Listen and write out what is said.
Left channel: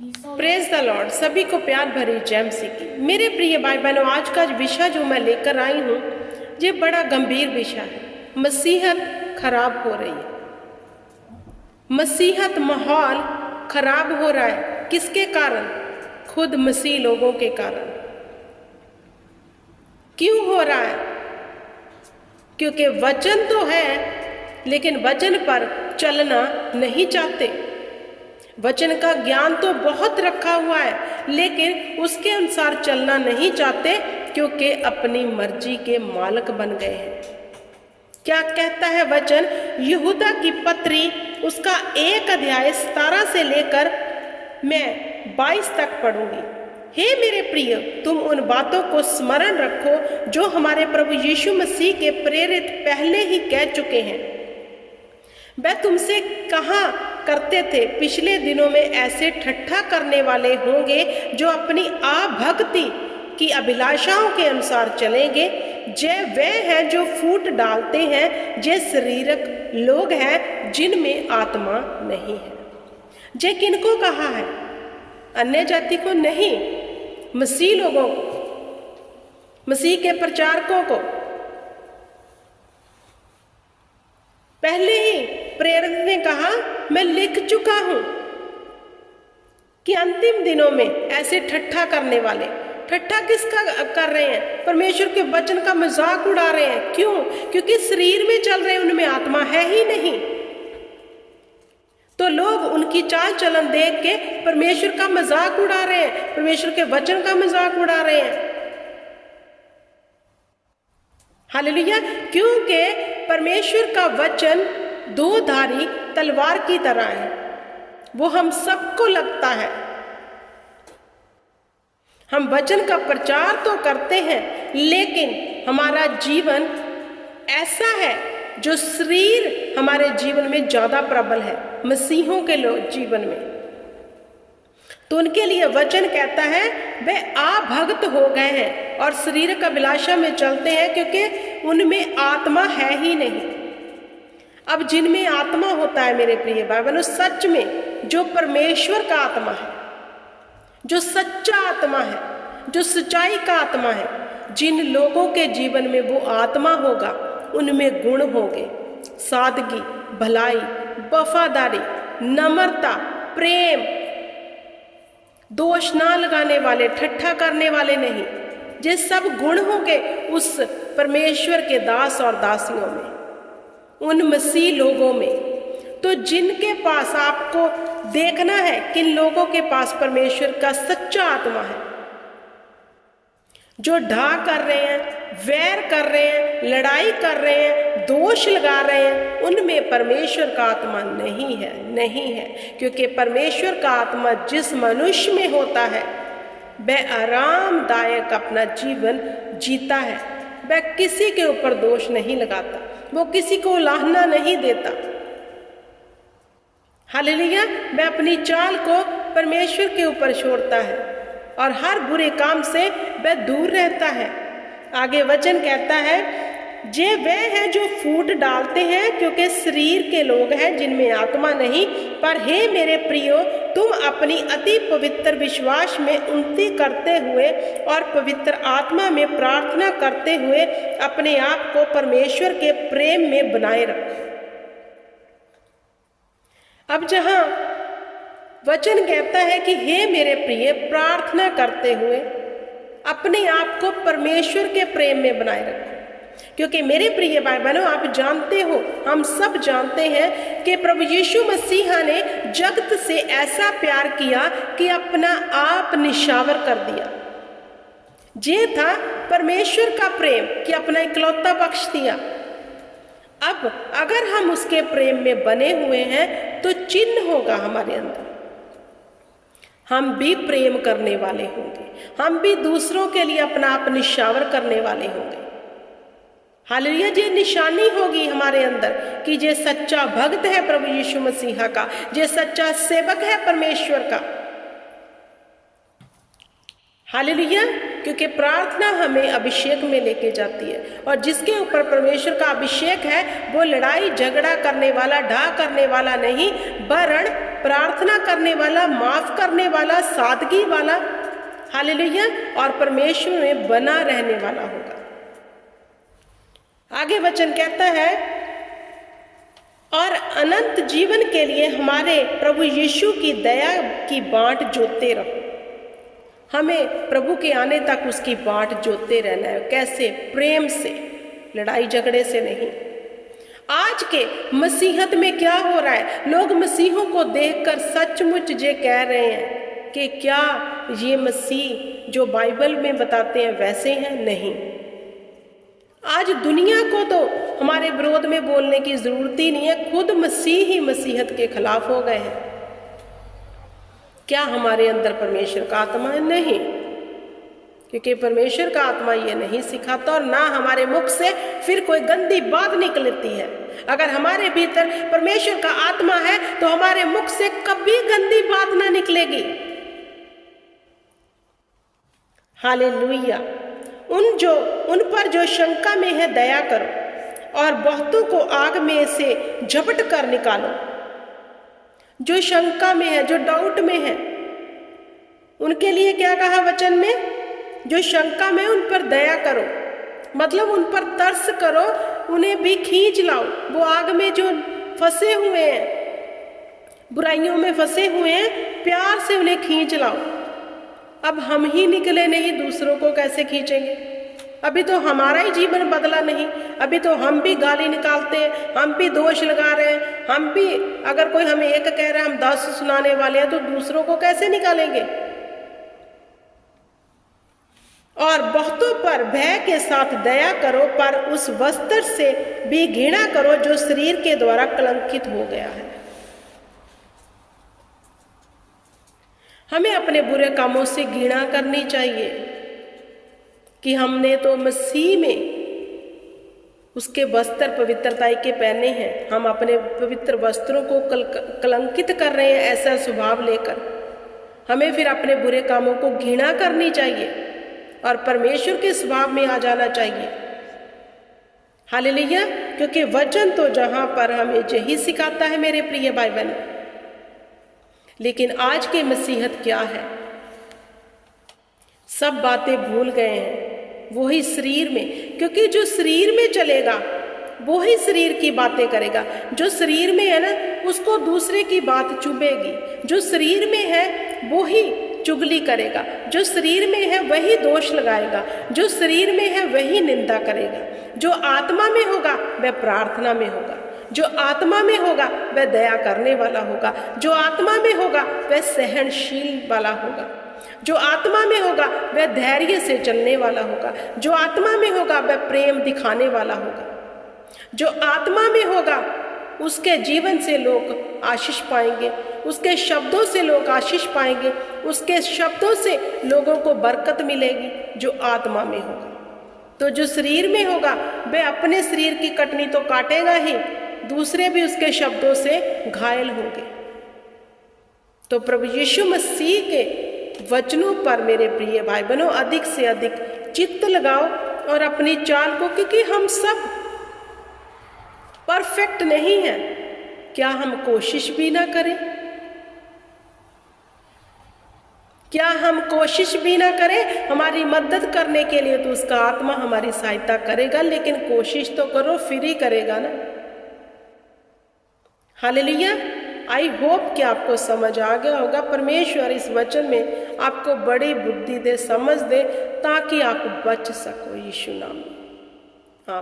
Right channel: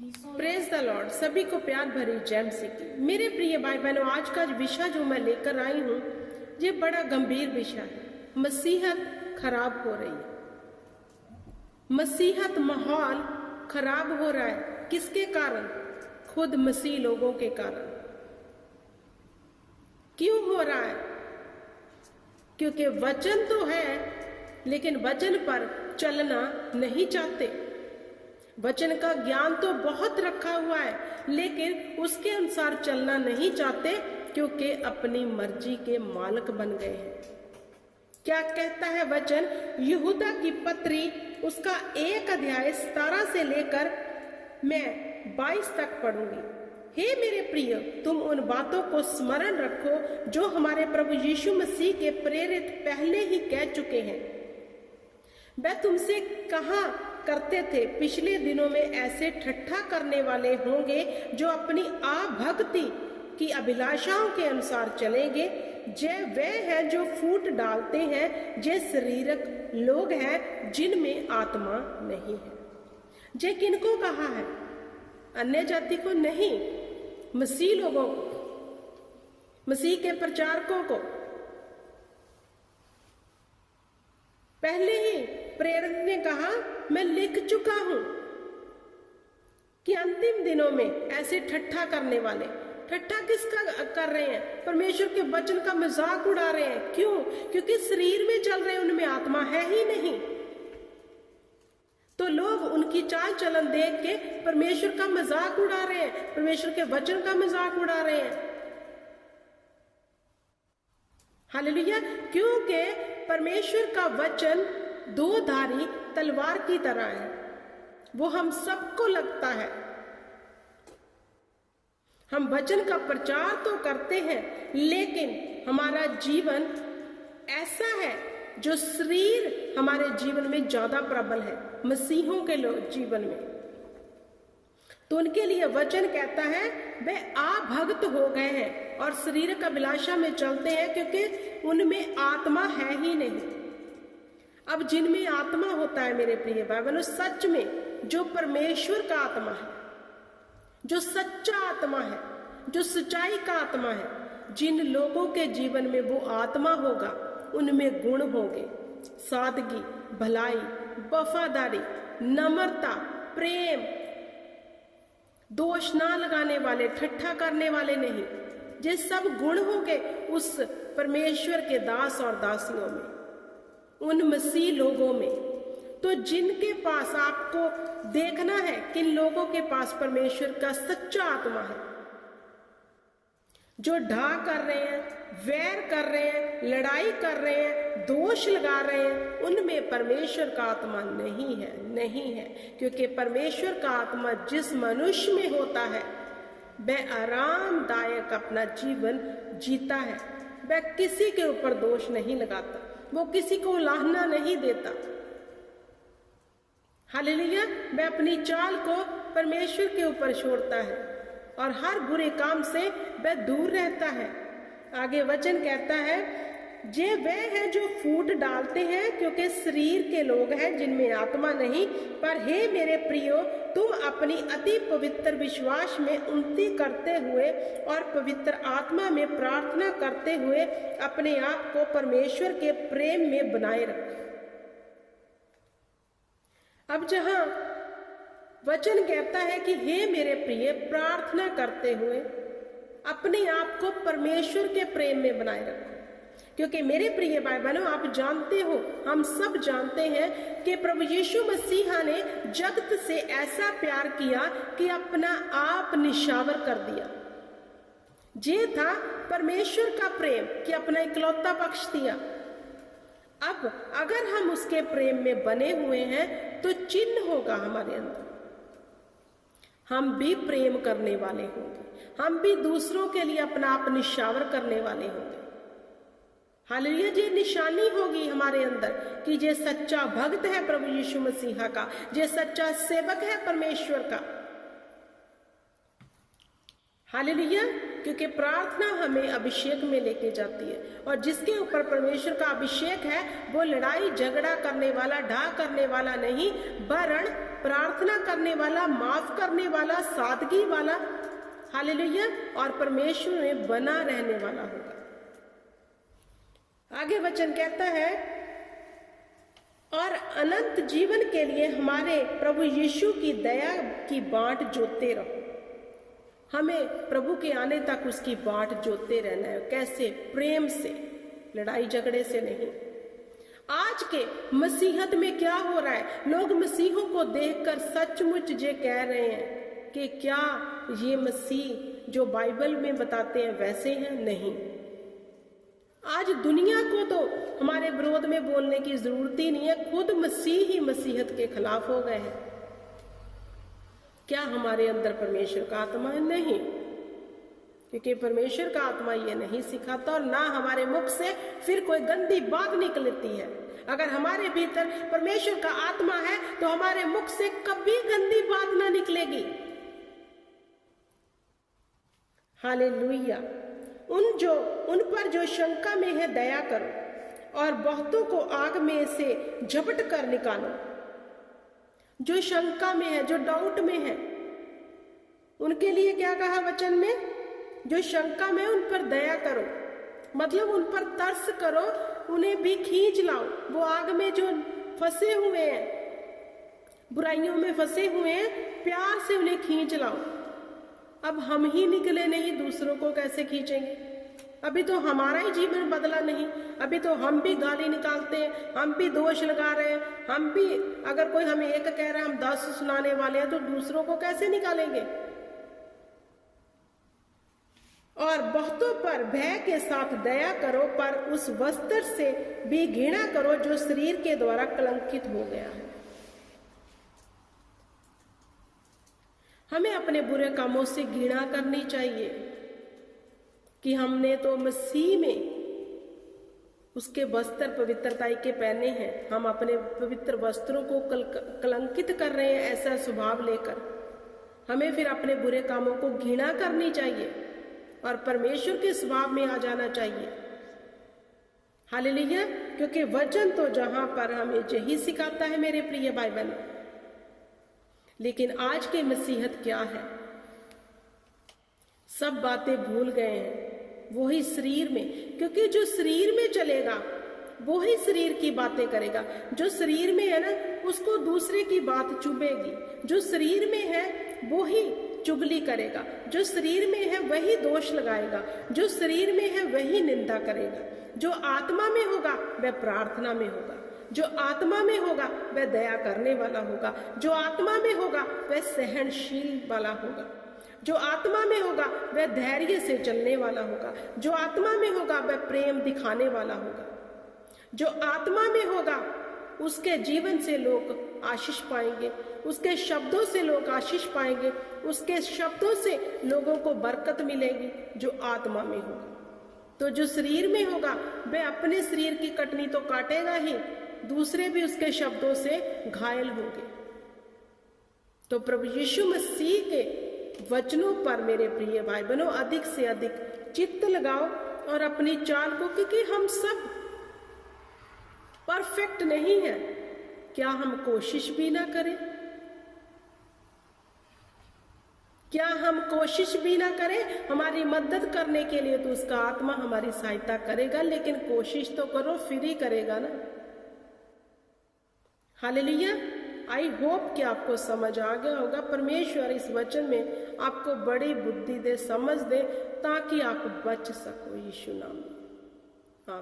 Praise the Lord. सभी को प्यार भरी जय मसीह की। मेरे प्रिय भाई बहनों, आज का विषय जो मैं लेकर आई हूँ ये बड़ा गंभीर विषय है। मसीहत खराब हो रही है। मसीहत माहौल खराब हो रहा है। किसके कारण? खुद मसीह लोगों के कारण। क्यों हो रहा है? क्योंकि वचन तो है लेकिन वचन पर चलना नहीं चाहते। वचन का ज्ञान तो बहुत रखा हुआ है लेकिन उसके अनुसार चलना नहीं चाहते क्योंकि अपनी मर्जी के मालिक बन गए हैं। क्या कहता है वचन? यहूदा की पत्री उसका 1 अध्याय 17 से लेकर मैं 22 तक पढ़ूंगी। हे मेरे प्रिय, तुम उन बातों को स्मरण रखो जो हमारे प्रभु यीशु मसीह के प्रेरित पहले ही कह चुके हैं। वह तुमसे कहा करते थे, पिछले दिनों में ऐसे ठट्ठा करने वाले होंगे जो अपनी आभक्ति की अभिलाषाओं के अनुसार चलेंगे। जे वे हैं जो फूट डालते हैं, जे शरीरक लोग हैं जिनमें आत्मा नहीं है। जे किनको कहा है? अन्य जाति को नहीं, मसीह लोगों को, मसीह के प्रचारकों को। पहले ही प्रेरित ने कहा, मैं लिख चुका हूं कि अंतिम दिनों में ऐसे ठट्ठा करने वाले। ठट्ठा किसका कर रहे हैं? परमेश्वर के वचन का मजाक उड़ा रहे हैं। क्यों? क्योंकि शरीर में चल रहे हैं, उनमें आत्मा है ही नहीं। तो लोग उनकी चाल चलन देख के परमेश्वर का मजाक उड़ा रहे हैं, परमेश्वर के वचन का मजाक उड़ा रहे हैं। हालेलुया। क्योंकि परमेश्वर का वचन 2 धारी तलवार की तरह है। वो हम सबको लगता है। हम वचन का प्रचार तो करते हैं लेकिन हमारा जीवन ऐसा है जो शरीर हमारे जीवन में ज्यादा प्रबल है, मसीहों के लोग जीवन में। तो उनके लिए वचन कहता है वे आभक्त हो गए हैं और शरीर का अभिलाषा में चलते हैं क्योंकि उनमें आत्मा है ही नहीं। अब जिनमें आत्मा होता है मेरे प्रिय भाई बहनों, सच में जो परमेश्वर का आत्मा है, जो सच्चा आत्मा है, जो सच्चाई का आत्मा है, जिन लोगों के जीवन में वो आत्मा होगा उनमें गुण होंगे, सादगी, भलाई, वफादारी, नम्रता, प्रेम, दोष ना लगाने वाले, ठट्ठा करने वाले नहीं। ये सब गुण होंगे उस परमेश्वर के दास और दासियों में, उन मसीह लोगों में। तो जिनके पास आपको देखना है किन लोगों के पास परमेश्वर का सच्चा आत्मा है। जो ढा कर रहे हैं, वैर कर रहे हैं, लड़ाई कर रहे हैं, दोष लगा रहे हैं, उनमें परमेश्वर का आत्मा नहीं है, नहीं है। क्योंकि परमेश्वर का आत्मा जिस मनुष्य में होता है वह आरामदायक अपना जीवन जीता है। वह किसी के ऊपर दोष नहीं लगाता, वो किसी को उलाहना नहीं देता। हालेलुया। वह अपनी चाल को परमेश्वर के ऊपर छोड़ता है और हर बुरे काम से वह दूर रहता है। आगे वचन कहता है, जे वे हैं जो फूट डालते हैं क्योंकि शरीर के लोग हैं जिनमें आत्मा नहीं। पर हे मेरे प्रियो, तुम अपनी अति पवित्र विश्वास में उन्नति करते हुए और पवित्र आत्मा में प्रार्थना करते हुए अपने आप को परमेश्वर के प्रेम में बनाए रखो। अब जहां वचन कहता है कि हे मेरे प्रिय, प्रार्थना करते हुए अपने आप को परमेश्वर के प्रेम में बनाए रखो। क्योंकि मेरे प्रिय भाई बहनों, आप जानते हो, हम सब जानते हैं कि प्रभु यीशु मसीह ने जगत से ऐसा प्यार किया कि अपना आप निछावर कर दिया। ये था परमेश्वर का प्रेम कि अपना इकलौता बख्श दिया। अब अगर हम उसके प्रेम में बने हुए हैं तो चिन्ह होगा हमारे अंदर। हम भी प्रेम करने वाले होंगे, हम भी दूसरों के लिए अपना आप निछावर करने वाले होंगे। हालेलुया। ये निशानी होगी हमारे अंदर कि ये सच्चा भक्त है प्रभु यीशु मसीह का, ये सच्चा सेवक है परमेश्वर का। हालेलुया। क्योंकि प्रार्थना हमें अभिषेक में लेके जाती है, और जिसके ऊपर परमेश्वर का अभिषेक है वो लड़ाई झगड़ा करने वाला, ढा करने वाला नहीं, वरन प्रार्थना करने वाला, माफ करने वाला, सादगी वाला, हालेलुया, और परमेश्वर में बना रहने वाला होगा। आगे वचन कहता है, और अनंत जीवन के लिए हमारे प्रभु यीशु की दया की बाँट जोतते रहो। हमें प्रभु के आने तक उसकी बाँट जोतते रहना है। कैसे? प्रेम से, लड़ाई झगड़े से नहीं। आज के मसीहत में क्या हो रहा है? लोग मसीहों को देखकर सचमुच ये कह रहे हैं कि क्या ये मसीह जो बाइबल में बताते हैं वैसे हैं? नहीं। आज दुनिया को तो हमारे विरोध में बोलने की जरूरत ही नहीं है, खुद मसीह ही मसीहत के खिलाफ हो गए हैं। क्या हमारे अंदर परमेश्वर का आत्मा है? नहीं, क्योंकि परमेश्वर का आत्मा ये नहीं सिखाता, और ना हमारे मुख से फिर कोई गंदी बात निकलती है। अगर हमारे भीतर परमेश्वर का आत्मा है तो हमारे मुख से कभी गंदी बात ना निकलेगी। हालेलुया। उन पर जो शंका में है दया करो, और बहुतों को आग में से झपट कर निकालो। जो शंका में है, जो डाउट में है, उनके लिए क्या कहा वचन में? जो शंका में उन पर दया करो, मतलब उन पर तरस करो, उन्हें भी खींच लाओ। वो आग में जो फंसे हुए हैं, बुराइयों में फंसे हुए हैं, प्यार से उन्हें खींच लाओ। अब हम ही निकले नहीं, दूसरों को कैसे खींचेंगे? अभी तो हमारा ही जीवन बदला नहीं, अभी तो हम भी गाली निकालते हैं, हम भी दोष लगा रहे हैं, हम भी, अगर कोई हमें एक कह रहा है हम 10 सुनाने वाले हैं, तो दूसरों को कैसे निकालेंगे? और बहुतों पर भय के साथ दया करो, पर उस वस्त्र से भी घृणा करो जो शरीर के द्वारा कलंकित हो गया है। हमें अपने बुरे कामों से घृणा करनी चाहिए कि हमने तो मसीह में उसके वस्त्र पवित्रता के पहने हैं, हम अपने पवित्र वस्त्रों को कलंकित कर रहे हैं ऐसा स्वभाव लेकर। हमें फिर अपने बुरे कामों को घृणा करनी चाहिए और परमेश्वर के स्वभाव में आ जाना चाहिए। हालेलुया। क्योंकि वचन तो जहाँ पर हमें यही सिखाता है मेरे प्रिय भाई बहन। लेकिन आज के मसीहत क्या है? सब बातें भूल गए हैं, वही शरीर में, क्योंकि जो शरीर में चलेगा वो ही शरीर की बातें करेगा। जो शरीर में है ना, उसको दूसरे की बात चुभेगी। जो शरीर में है वो ही चुगली करेगा, जो शरीर में है वही दोष लगाएगा, जो शरीर में है वही निंदा करेगा। जो आत्मा में होगा वह प्रार्थना में होगा, जो आत्मा में होगा वह दया करने वाला होगा, जो आत्मा में होगा वह सहनशील वाला होगा, जो आत्मा में होगा वह धैर्य से चलने वाला होगा, जो आत्मा में होगा वह प्रेम दिखाने वाला होगा, जो आत्मा में होगा उसके जीवन से लोग आशीष पाएंगे, उसके शब्दों से लोग आशीष पाएंगे, उसके शब्दों से लोगों को बरकत मिलेगी। जो आत्मा में होगा, तो जो शरीर में होगा वह अपने शरीर की कटनी तो काटेगा ही, दूसरे भी उसके शब्दों से घायल होंगे। तो प्रभु यीशु मसीह के वचनों पर मेरे प्रिय भाई बहनों अधिक से अधिक चित्त लगाओ और अपनी चाल को, क्योंकि हम सब परफेक्ट नहीं हैं, क्या हम कोशिश भी ना करें? क्या हम कोशिश भी ना करें? हमारी मदद करने के लिए तो उसका आत्मा हमारी सहायता करेगा, लेकिन कोशिश तो करो, फिर ही करेगा ना। हालेलुया। आई होप कि आपको समझ आ गया होगा। परमेश्वर इस वचन में आपको बड़ी बुद्धि दे, समझ दे, ताकि आप बच सको यीशु नाम में।